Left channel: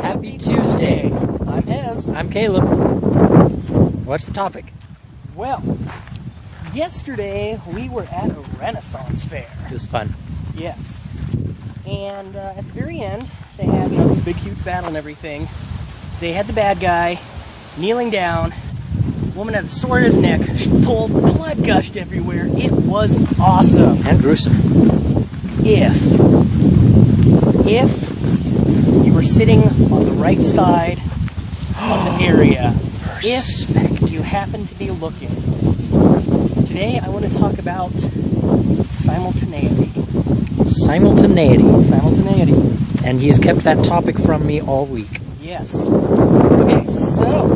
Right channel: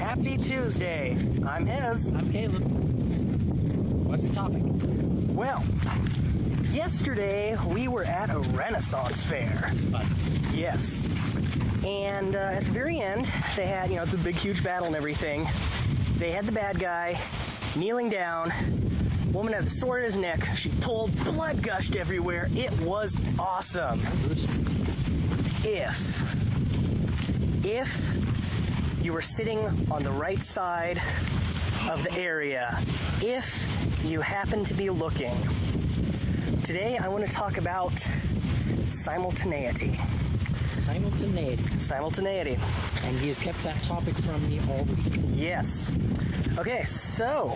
Happy Tuesday. I'm Hez. I'm Caleb. What's the topic? Well, yesterday we were at a Renaissance fair. It was fun. Yes. And at the very end, they had, the big, huge battle and everything. They had the bad guy kneeling down. Woman had the sword in his neck. She pulled, blood gushed everywhere. It was awesome. And gruesome. If you were sitting on the right side of the area, if you happen to be looking. Today I want to talk about simultaneity. Simultaneity. And he has kept that topic from me all week. Yes. Okay, so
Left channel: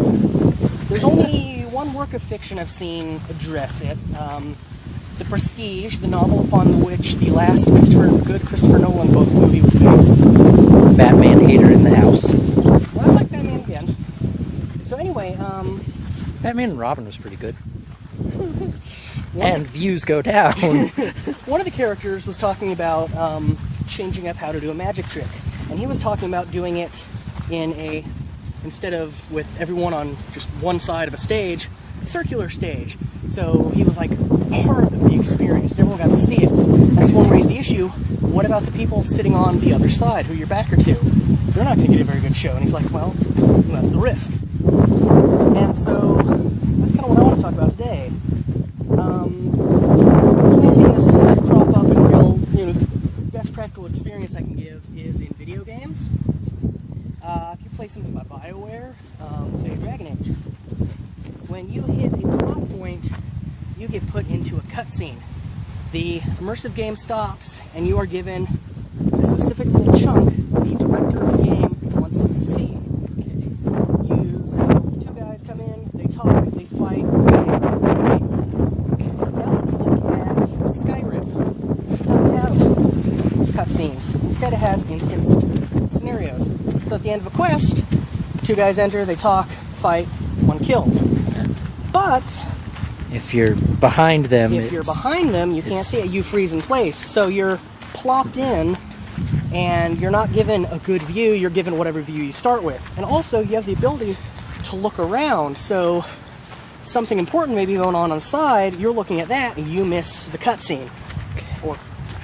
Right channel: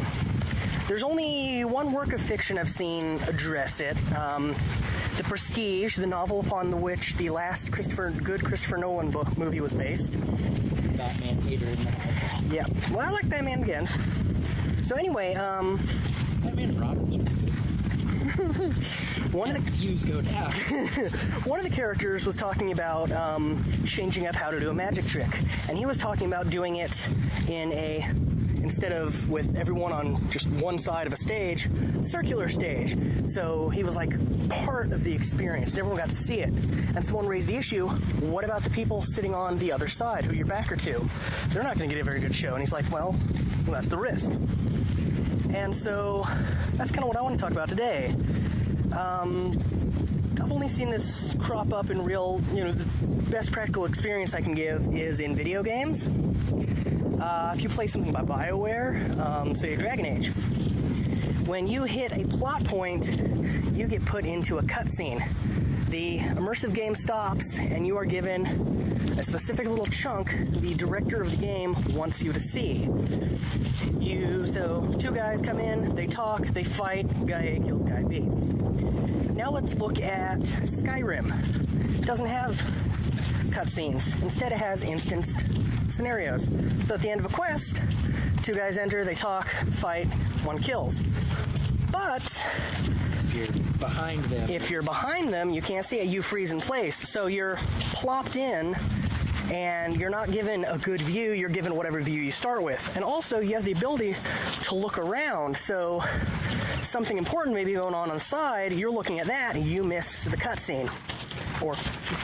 there's only one work of fiction I've seen address it. The Prestige, the novel upon which the last Christopher Nolan movie was based. Batman hater in the house. Yeah, well, I like Batman again. So anyway, Batman and Robin was pretty good. And views go down. One of the characters was talking about changing up how to do a magic trick. And he was talking about doing it instead of with everyone on just one side of a stage, circular stage. So he was like part of the experience. Everyone got to see it. And someone raised the issue, what about the people sitting on the other side who your back are to? They're not going to get a very good show. And he's like, well, that's the risk. And so that's kind of what I want to talk about today. I've only seen this crop up in real, the best practical experience I can give is in video games. If you play something by BioWare, say Dragon Age, when you hit a plot point, you get put into a cutscene. The immersive game stops, and you are given a specific little chunk the director of the game wants you to see. So two guys come in, they talk, they fight, Now let's look at Skyrim. It doesn't have cutscenes. Instead it has instanced scenarios. So at the end of a quest, two guys enter, they talk, fight, one kills. But if you're behind them, you can't see it. You freeze in place. So you're plopped in, and you're not given a good view. You're given whatever view you start with. And also, you have the ability to look around. So something important may be going on the side. You're looking at that, and you miss the cutscene, or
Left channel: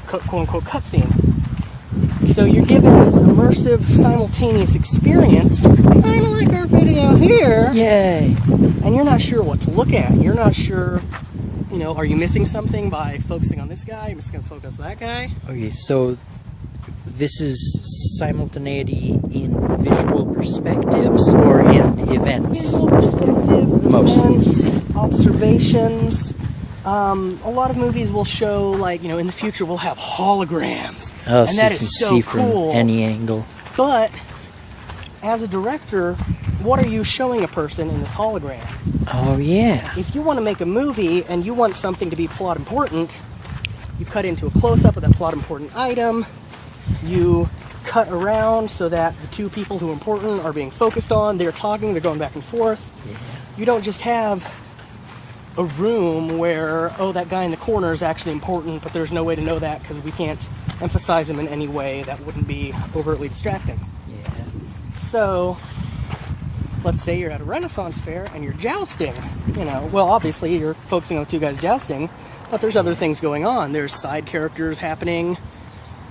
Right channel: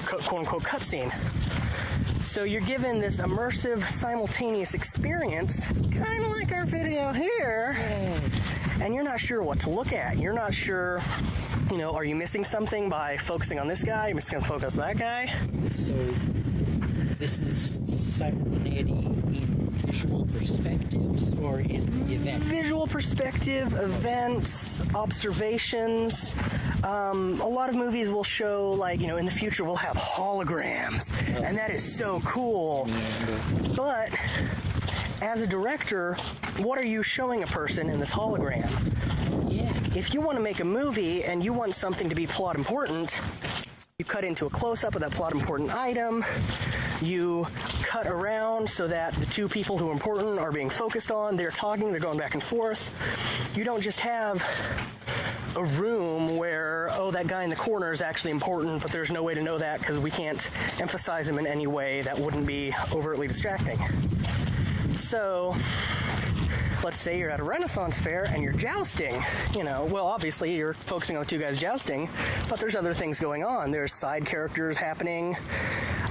quote-unquote cutscene. So you're given this immersive, simultaneous experience, kind of like our video here. Yay! And you're not sure what to look at. You're not sure, are you missing something by focusing on this guy? You're missing on focus on that guy? Okay, so this is simultaneity in visual perspectives or in events? Visual perspective, events, observations. A lot of movies will show, in the future we'll have holograms. Oh, and so that you is can so see cool. from any angle. But as a director, what are you showing a person in this hologram? Oh, yeah. If you want to make a movie and you want something to be plot important, you cut into a close-up of that plot important item. You cut around so that the two people who are important are being focused on. They're talking, they're going back and forth. You don't just have a room where, that guy in the corner is actually important, but there's no way to know that because we can't emphasize him in any way that wouldn't be overtly distracting. So, let's say you're at a Renaissance fair and you're jousting. Obviously you're focusing on the two guys jousting, but there's other things going on. There's side characters happening.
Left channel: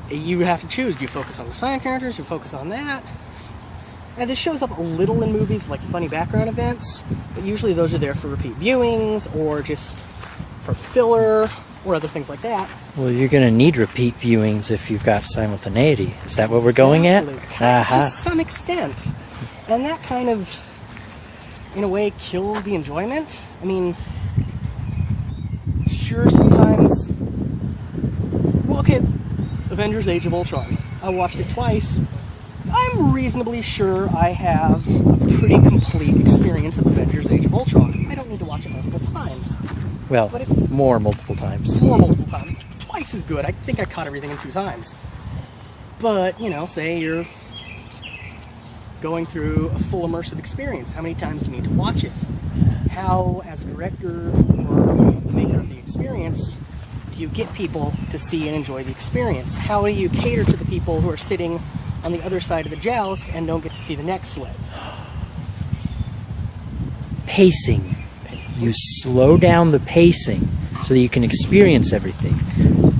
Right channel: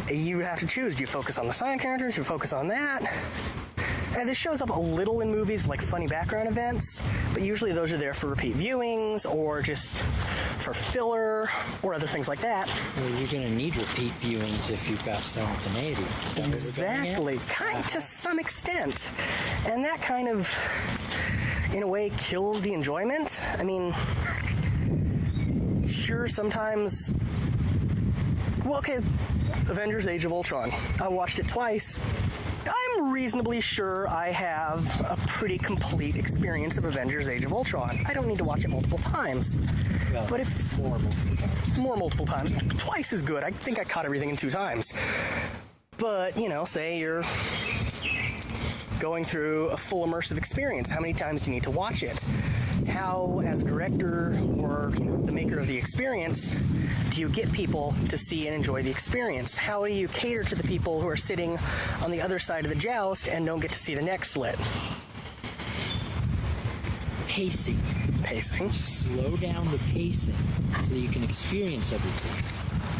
You have to choose. Do you focus on the side characters? Do you focus on that? And this shows up a little in movies like funny background events, but usually those are there for repeat viewings or just for filler or other things like that. Well, you're going to need repeat viewings if you've got simultaneity. Is that what we're going at? To some extent. And that kind of, in a way, kills the enjoyment. I mean, sure, sometimes... Well, okay, Avengers Age of Ultron. I watched it twice. I'm reasonably sure I have a pretty complete experience of Avengers Age of Ultron. I don't need to watch it multiple times. Well, more multiple times. More multiple times. Twice is good. I think I caught everything in 2 times. But, say you're going through a full immersive experience. How many times do you need to watch it? How, as a director or the maker of the experience, do do you get people to see and enjoy the experience? How do you cater to the people who are sitting on the other side of the joust and don't get to see the neck slit? Pacing. You slow down the pacing so that you can experience everything.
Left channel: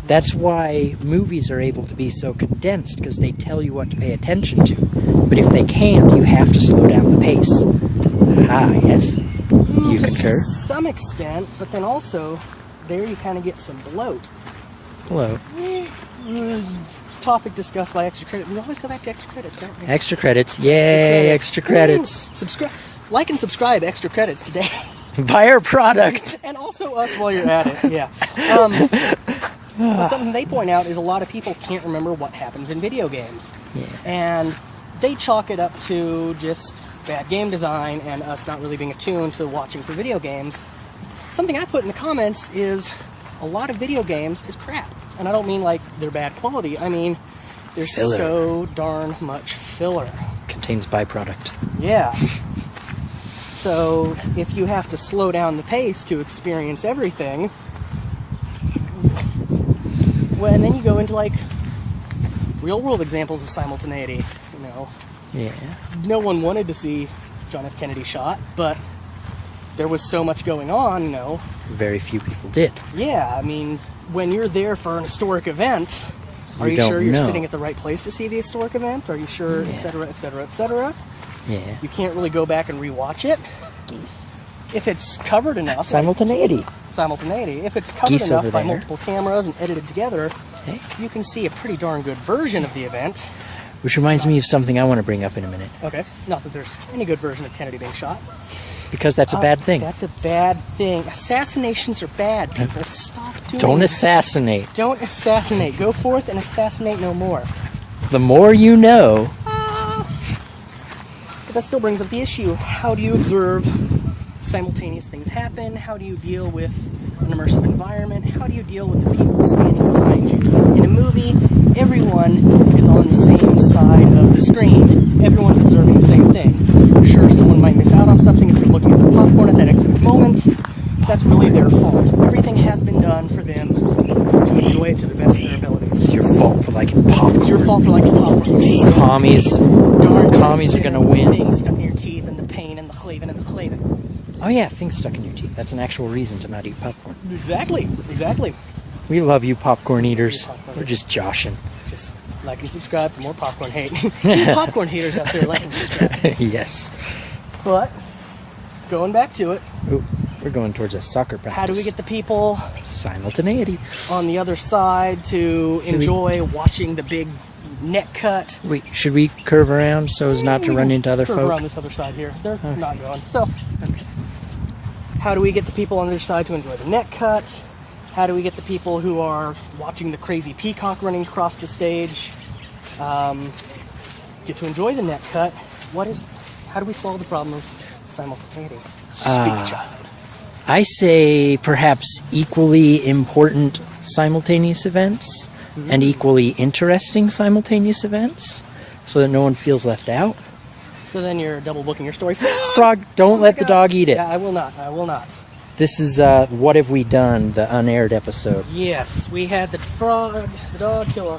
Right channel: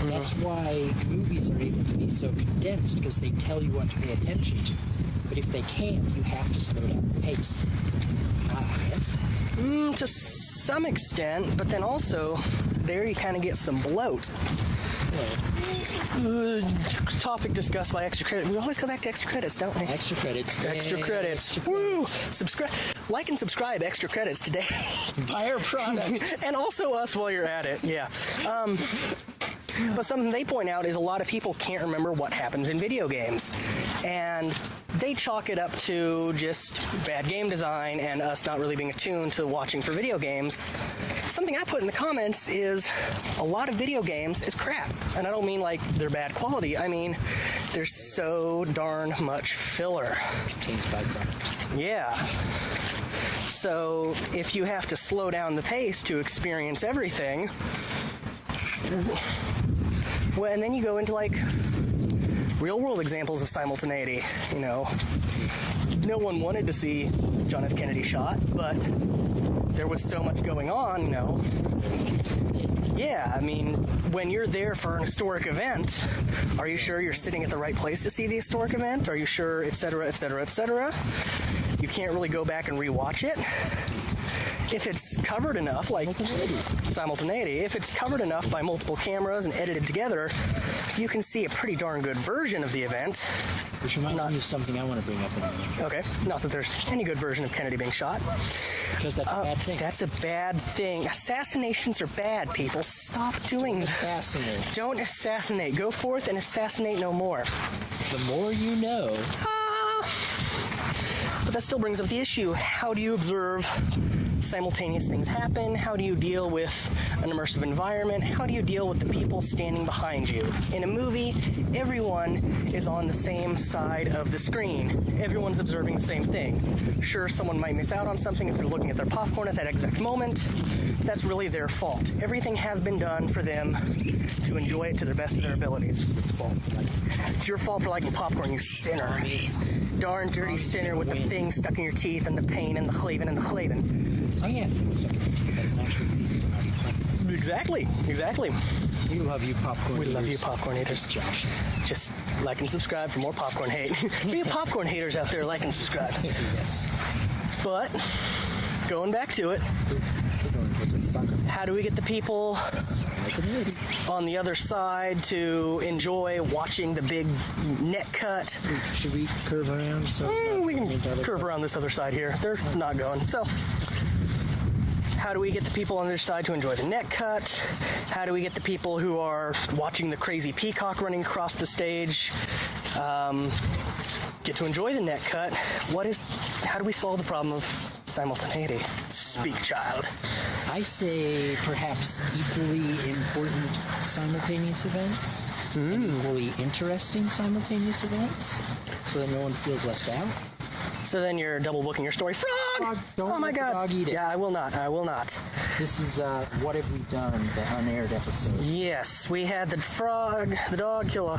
That's why movies are able to be so condensed, because they tell you what to pay attention to. But if they can't, you have to slow down the pace. Yes. Do you to concur? Some extent, but then also there you kind of get some bloat. Hello. Topic discussed by extra credit. We always go back to extra credits, don't we? Extra credits. Yay, extra credits. Subscribe, like and subscribe extra credits today. Buy our product. And also us while you're at it, yeah. But something they point out is a lot of people can't remember what happens in video games. And they chalk it up to just bad game design and us not really being attuned to watching for video games. Something I put in the comments is a lot of video games is crap. And I don't mean like they're bad quality. I mean, there's Filler. so darn much filler. Contains byproduct. Yeah. So if you have to slow down the pace to experience everything, well, and then you go into like real world examples of simultaneity, you know. Yeah. No one wanted to see John F. Kennedy shot, but there was so much going on, you know. Very few people did. Yeah, I mean, when you're there for an historic event, are you don't sure you're know. sitting at the right place to see the historic event? Are you sure, et cetera, et cetera, et cetera? Yeah. You can't really go back and rewatch it. If it's covered enough, Simultaneity. simultaneity, if it's covered Geese enough over by there. multiple cameras and edited together, you can see a pretty darn good version of the event. Which reminds me of something I want to bring up in a minute. Okay, not that there's any good version of Kennedy being shot. Because that's a bad thing. That's a bad thing. Assassinations are bad, people. Stop doing Don't that. assassinate. Don't assassinate. Go forth and assassinate no more. The more you know. But that still brings up the issue. How do you observe simultaneous things happen? How do you deal with an immersive environment? How do you deal with the people standing behind you? In a movie, everyone is on the same side of the screen. Everyone's observing the same thing. Sure, someone might miss out on something if they're looking at their popcorn at that exact moment. That's really their fault. Everything has been done for them to enjoy it to the best of their abilities. It's your fault for liking popcorn. It's your fault for liking popcorn. You Commies. darn Commies are gonna win. Things stuck in your teeth and the pain and the claving and the claving. Oh yeah, things stuck in your teeth. That's an actual reason to not eat popcorn. Exactly. We love you, popcorn We love you, eaters. popcorn We're eaters. just joshing. Just like and subscribe for more popcorn hate. You popcorn haters out there, like and subscribe. Yes. But going back to it, Ooh, we're going towards a soccer practice. how do we get the people Simultaneity. on the other side to enjoy watching the big neck cut? Wait, should we curve around so as not to run into other Curve folk? around this other side here. They're not going. So, how do we get the people on the other side to enjoy the neck cut? How do we get the people who are watching the crazy peacock running across the stage get to enjoy the neck cut? How do we solve the problem of simultaneity? Speak, child. I say perhaps equally important simultaneous events and equally interesting simultaneous events so that no one feels left out. So then you're double booking your story. Frog, don't Oh my let the God. dog eat it. Yeah, I will not. This is What Have We Done, the unaired episode. Yes, we had the frog, the dog kill a...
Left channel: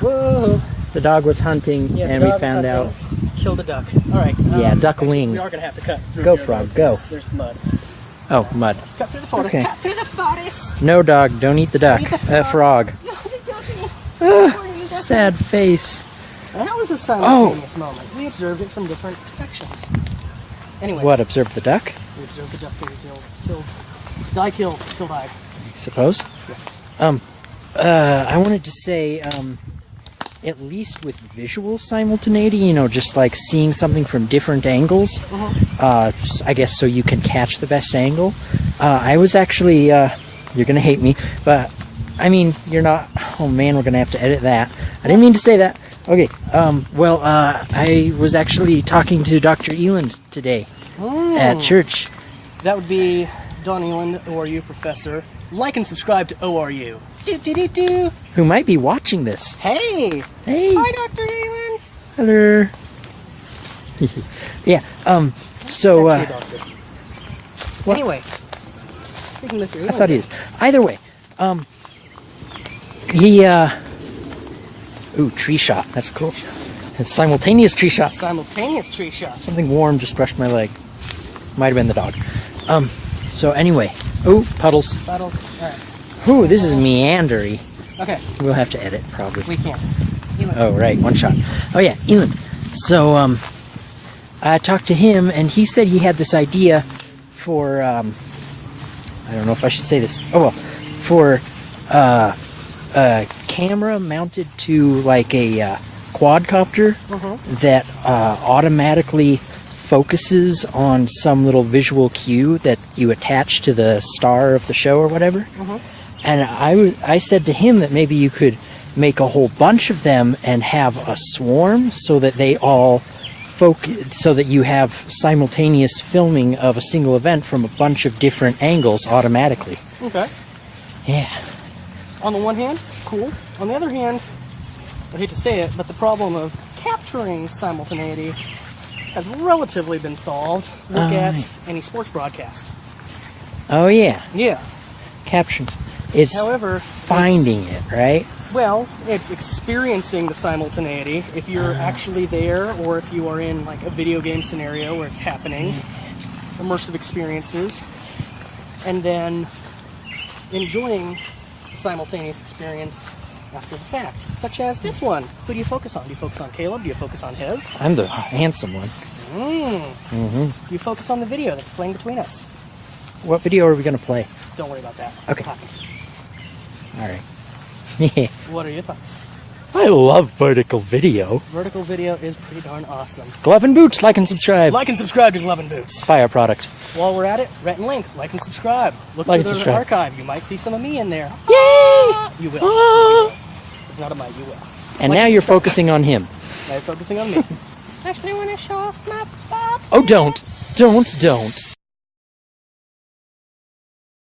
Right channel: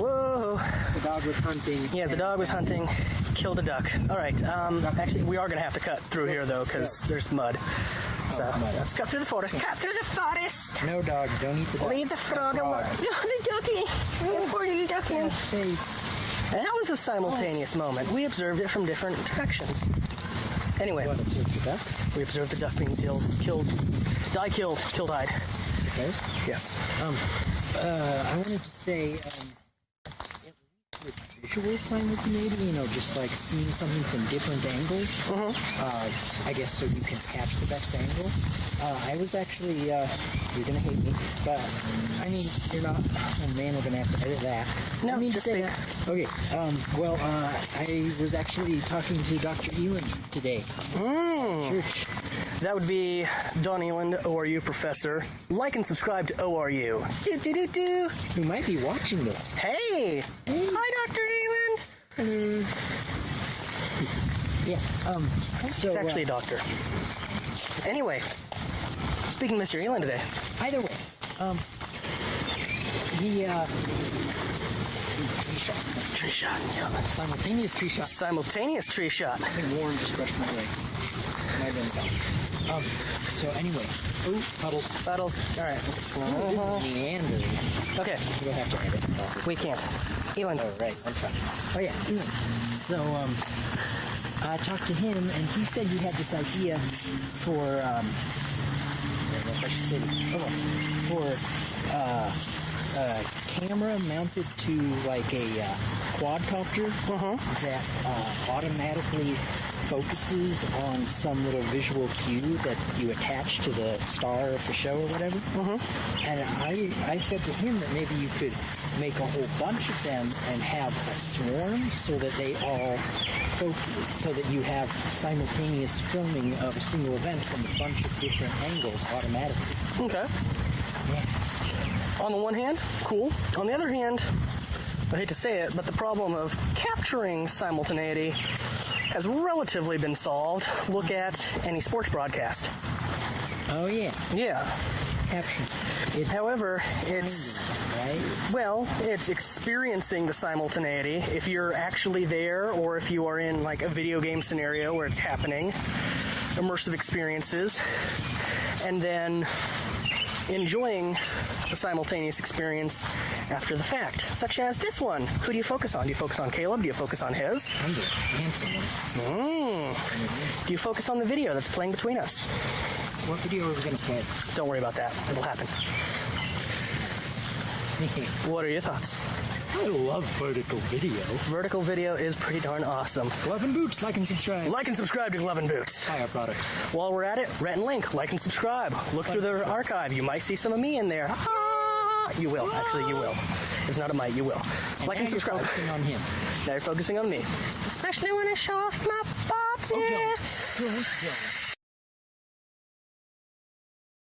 Whoa. The dog was hunting Yeah, the and we dog was found hunting. out. Killed a duck. All right. Yeah, duck actually, wing. We are going to have to cut through Go, here, frog, though, 'cause go. There's mud. Oh, mud. Let's cut through the forest. Okay. Cut through the forest. No, dog, don't eat the duck. Eat the Frog. No, the ducky. Poor little ducky. Sad face. And that was a simultaneous moment. We observed it from different directions. Anyway. What, observe the duck? We observed the duck being killed. Killed I. Suppose. Yes. I wanted to say, at least with visual simultaneity, you know, just like seeing something from different angles, I guess so you can catch the best angle. I was actually, you're gonna hate me, but, I mean, you're not, oh man, we're gonna have to edit that. I didn't mean to say that. Okay, I was actually talking to Dr. Eland today at church. That would be Don Ewan, ORU professor. Like and subscribe to ORU. Do. Who might be watching this. Hey! Hey! Hi, Dr. Ewan! Hello! Yeah, so, He's actually a doctor. Anyway, speaking of Mr. Ewan, I thought he was. Either way, Ooh, tree shot. That's cool. A simultaneous tree shot. Simultaneous tree shot. Something warm just brushed my leg. Might have been the dog. So anyway. Ooh, puddles. Puddles. All right. Ooh, this is meandery. Okay. We'll have to edit, probably. We can't. Elon. Oh, right. One shot. Oh, yeah. Elon. So, I talked to him, and he said he had this idea for, I don't know if I should say this. Oh, well. For, a camera mounted to, like, a quadcopter that automatically focuses on some little visual cue that you attach to the star of the show or whatever. And I said to him that maybe you could make a whole bunch of them and have a swarm so that they all focus, so that you have simultaneous filming of a single event from a bunch of different angles automatically. Okay. Yeah. On the one hand, cool. On the other hand, I hate to say it, but the problem of capturing simultaneity has relatively been solved. Look at any sports broadcast. Oh, yeah. Yeah. Captions. It's However, finding it, right? Well, it's experiencing the simultaneity. If you're actually there, or if you are in like a video game scenario where it's happening, immersive experiences, and then enjoying the simultaneous experience after the fact, such as this one. Who do you focus on? Do you focus on Caleb? Do you focus on Hez? I'm the handsome one. Do you focus on the video that's playing between us? What video are we going to play? Don't worry about that. Okay. It'll happen. All right. What are your thoughts? I love vertical video. Vertical video is pretty darn awesome. Glove and Boots, like and subscribe. Like and subscribe to Glove and Boots. Buy our product. While we're at it, Rhett and Link, like and subscribe. Look Like through and the subscribe. archive. You might see some of me in there. Yay! You will. Ah! You will. It's not a might, you will. And Like now you're subscribe. focusing on him. Now you're focusing on me. Especially when I show off my bobs. Oh, don't. Don't.